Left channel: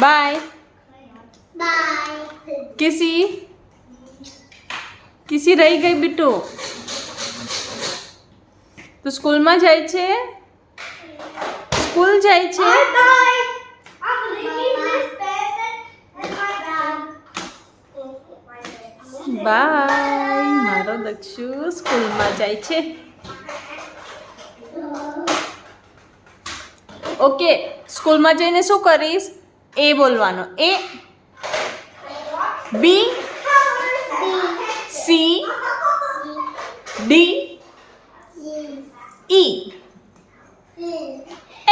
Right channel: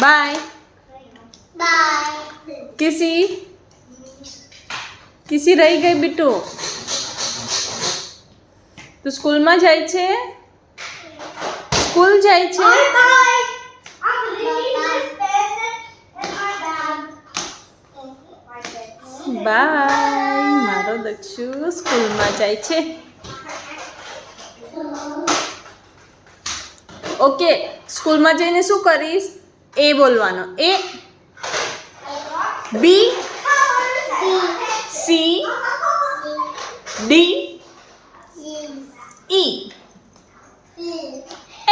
By. By. કિસી રહી ગઈ બીટુ. તું સ્કૂલમાં જાય છે? સ્કૂલ જાય છે? Bye. I'm leaving this pen and my bag. Bye. મારો દક્ષુ સ્કૂલમાં જાય છે. ઓકે, સ્કૂલમાં જઈને શું કરીશ? એ બોલવાનો. એ, બી, સી, ડી, ઈ,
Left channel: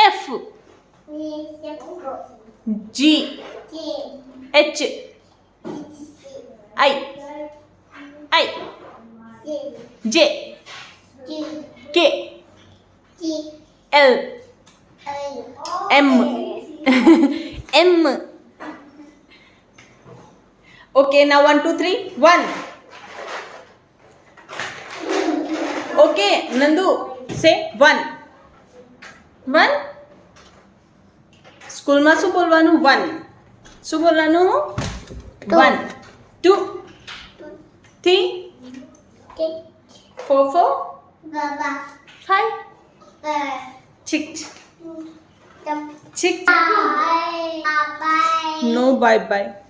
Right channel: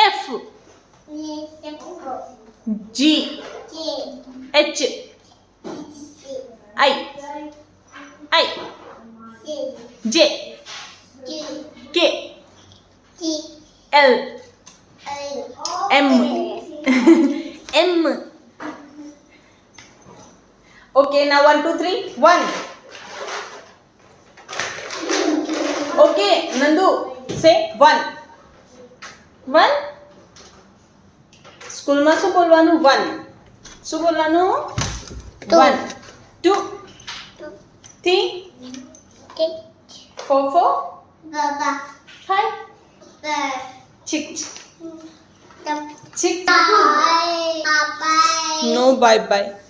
એફ, જી, એચ, આઈ, જે, કે, એલ, એમ, એમ. Okay, now 1, 2, 3, 1. Okay, Nandu, say 1. 1. સ્કૂલમાં શું બોલવાનું? 1. શું બોલવાનું? 1, 2, 3, 4, 5, 6. Bye. No, bye bye.